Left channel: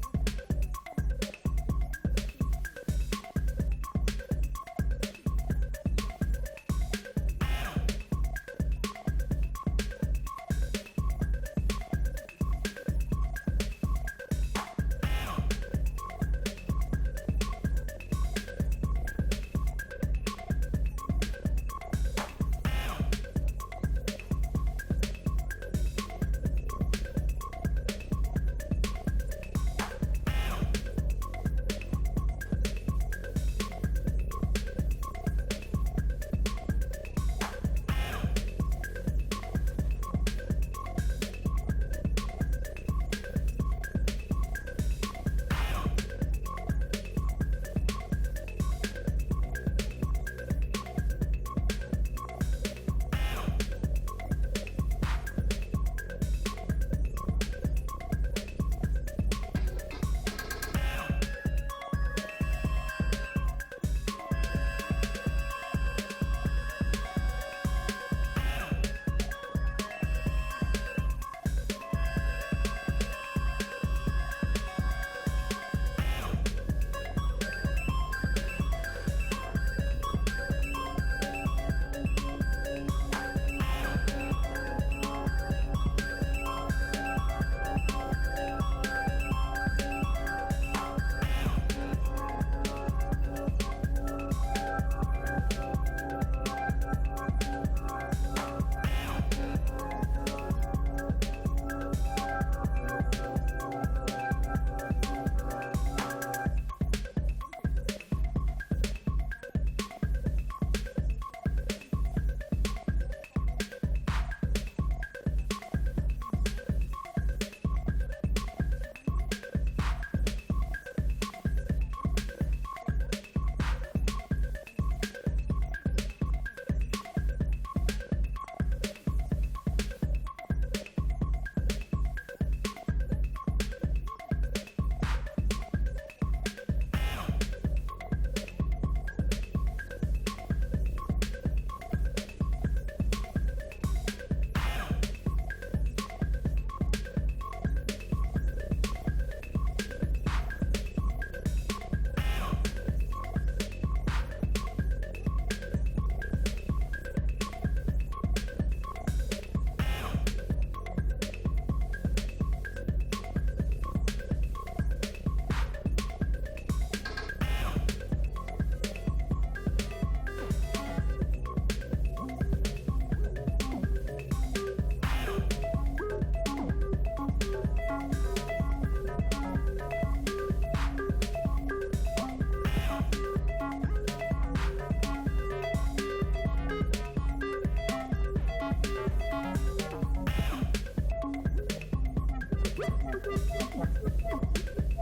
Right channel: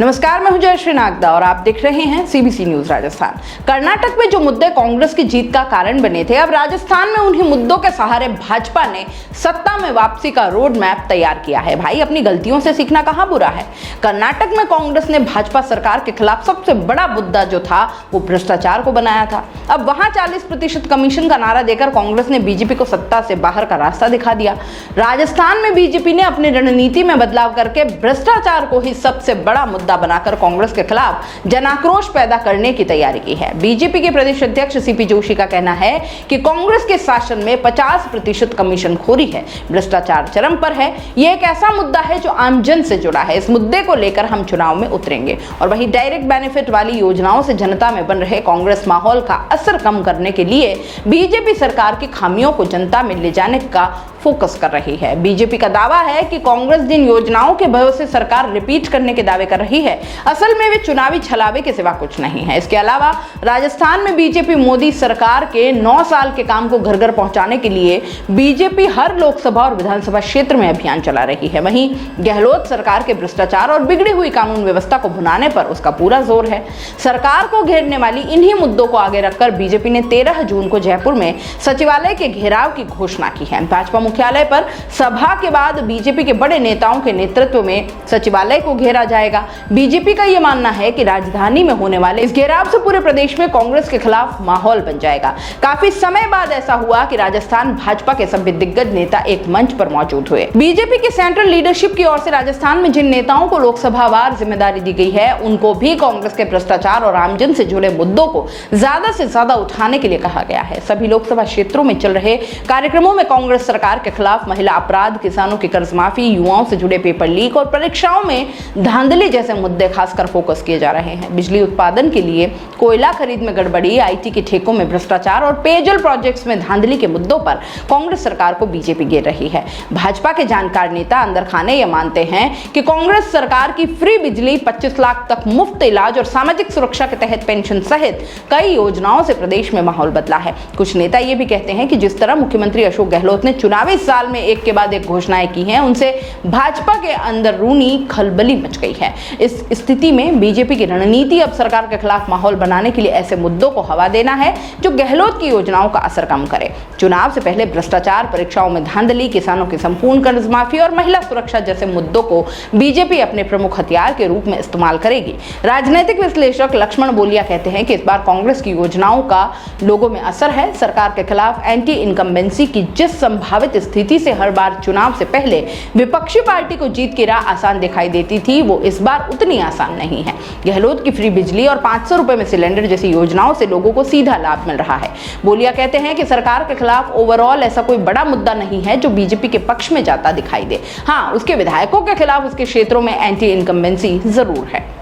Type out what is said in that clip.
नमस्कार, मैं हूं जयश्री नागदा और आप देख रहे हैं सीबीसी न्यूज राजस्थान। कर्नाटक में जो मुद्दे कांग्रेस की जीत का कारण बने थे, अब राजस्थान में उन्हीं मुद्दों के सहारे भाजपा ने सत्ता में वापसी का रोड मैप तैयार किया है। भाई, अपनी गलतियों से सीखना कहां बुरा है। कर्नाटक में कांग्रेस ने भाजपा सरकार के खिलाफ सबसे बड़ा मुद्दा जो था वो भ्रष्टाचार को बनाया था। अब वहां 40% कमीशन का नारा देकर कांग्रेस ने बीजेपी को सत्ता से बाहर का रास्ता दिखा दिया। राजस्थान में बीजेपी ने अपनी रणनीति में बदलाव करके भ्रष्टाचार को ही सबसे बड़ा मुद्दा बनाकर कांग्रेस के खिलाफ जनाक्रोश पैदा करने की तैयारी की है। बीजेपी के प्रदेश अध्यक्ष सीपी जोशी का कहना है कि कांग्रेस के शासन में 50% कमीशनखोरी है, भ्रष्टाचार चरम पर है। यह एक ऐसा मुद्दा है जो आमजन से जुड़ा है। इस मुद्दे को लेकर हम चुनाव में उतरेंगे। और वहीं डायरेक्ट बेनिफिट वाली योजनाओं से जनता में बन रहे कांग्रेस माहौल का असर कम करने के लिए बीजेपी सरकार की खामियों को जनता में ले जाने का फोकस कर रही है। बीजेपी का दावा है कि कांग्रेस जिन योजनाओं के भरोसे सरकार रिपीट करने के दावे कर रही है, असल में वे चुनावी छलावे के सिवा कुछ नहीं है। इसके अलावा राजस्थान में बीजेपी मोदी सरकार के 9 साल के काम को घर घर पहुंचाने के लिए बीजेपी हर लोकसभा और विधानसभा क्षेत्र में अभियान चला रही है। वहीं गहलोत सरकार के भ्रष्टाचार और बिगड़ी हुई कानून व्यवस्था को भुनाने पर उसका पूरा जोर है। सरकार को घेरने वाली इन्हीं मुद्दों को आगे रखकर बीजेपी ने 13 जून को जयपुर में सचिवालय के घेराव की घोषणा की है। भाजपा मुख्यालय पर सभा के बाद बीजेपी के बड़े नेताओं के नेतृत्व में सचिवालय को घेरा जाएगा। बीजेपी का यह मानना है कि राजधानी में होने वाले इस घेराव से पूरे प्रदेश में कांग्रेस के खिलाफ माहौल बन जाएगा। काफी समय बाद ऐसा हुआ कि राजस्थान भाजपा के सभी दिग्गज नेता एक मंच पर मौजूद हुए। बीजेपी की सेंट्रल लीडरशिप की ओर से राजस्थान में जिन नेताओं को लोकसभावार जिम्मेदारी दी गई है, उनको भी कांग्रेस के भ्रष्टाचार और आमजन से जुड़े मुद्दों को ज्यादा से ज्यादा उठाने के लिए कहा गया है। सभी लोकसभा क्षेत्रों में चल रहे कार्यक्रमों में कांग्रेस सरकार के खिलाफ महिला अपराध, किसानों की कर्ज माफी, युवाओं से जुड़े पेपर लीक और परीक्षाओं में धांधली जैसे मुद्दे खासकर फोकस किए जा रहे हैं। बिजली उत्पादन के लिए कोयला खरीद में गड़बड़ी, आईटी के ठेकों में भ्रष्टाचार और पेयजल प्रोजेक्ट्स में धांधली के मुद्दों पर कांग्रेस सरकार को बीजेपी घेर रही है। भाजपा के जानकार नेता अंदर खाने ये मानते हैं कि कांग्रेस सरकार की फ्री बिजली, 25 लाख तक मुफ्त इलाज और सामाजिक सुरक्षा के तहत पेंशन सहित कई योजनाओं से प्रदेश में माहौल बदला है। कुछ नेता ये भी कहते हैं कि जिस तरह मुख्यमंत्री अशोक गहलोत ने चुनावी साल में एक के बाद एक घोषणाएं की हैं, उनसे भाजपा के अंदरूनी खलबली मच गई है। इस स्थिति में बीजेपी की रणनीति अब सरकार के खिलाफ माहौल बनाने के लिए ऐसे मुद्दों को हवा देना है जो गहलोत की योजनाओं का असर कम करे। चुनाव से पहले भ्रष्टाचार, परीक्षाओं में धांधली, किसानों की संपूर्ण कर्ज माफी और महिला सुरक्षा जैसे मुद्दों को बीजेपी अपने प्रमुख हथियार के रूप में इस्तेमाल करेगी। राजनीतिक विश्लेषक लक्ष्मण बोलिया कहते हैं कि इस बार कांग्रेस की योजनाओं का लोगों में असर है। सरकार के खिलाफ एंटी इनकम्बेंसी की जिस संभावित स्थिति से हर बार चुनाव से पहले विपक्षी पार्टी को जीत की राह आसान दिखाई देती थी, वो इस बार उतनी आसान नहीं है। गहलोत की फ्री बिजली और 500 रुपए में सिलेंडर जैसी योजनाओं से लोगों को सीधा लाभ मिल रहा है। बोलिया कहते हैं कि सरकार के खिलाफ ओवरऑल ऐसा कोई बड़ा मुद्दा नहीं है जो बीजेपी के पक्ष में जाता दिखाई दे। हाँ, उसके विधायकों के खिलाफ उसके क्षेत्रों में एंटी इनकम्बेंसी जरूर है।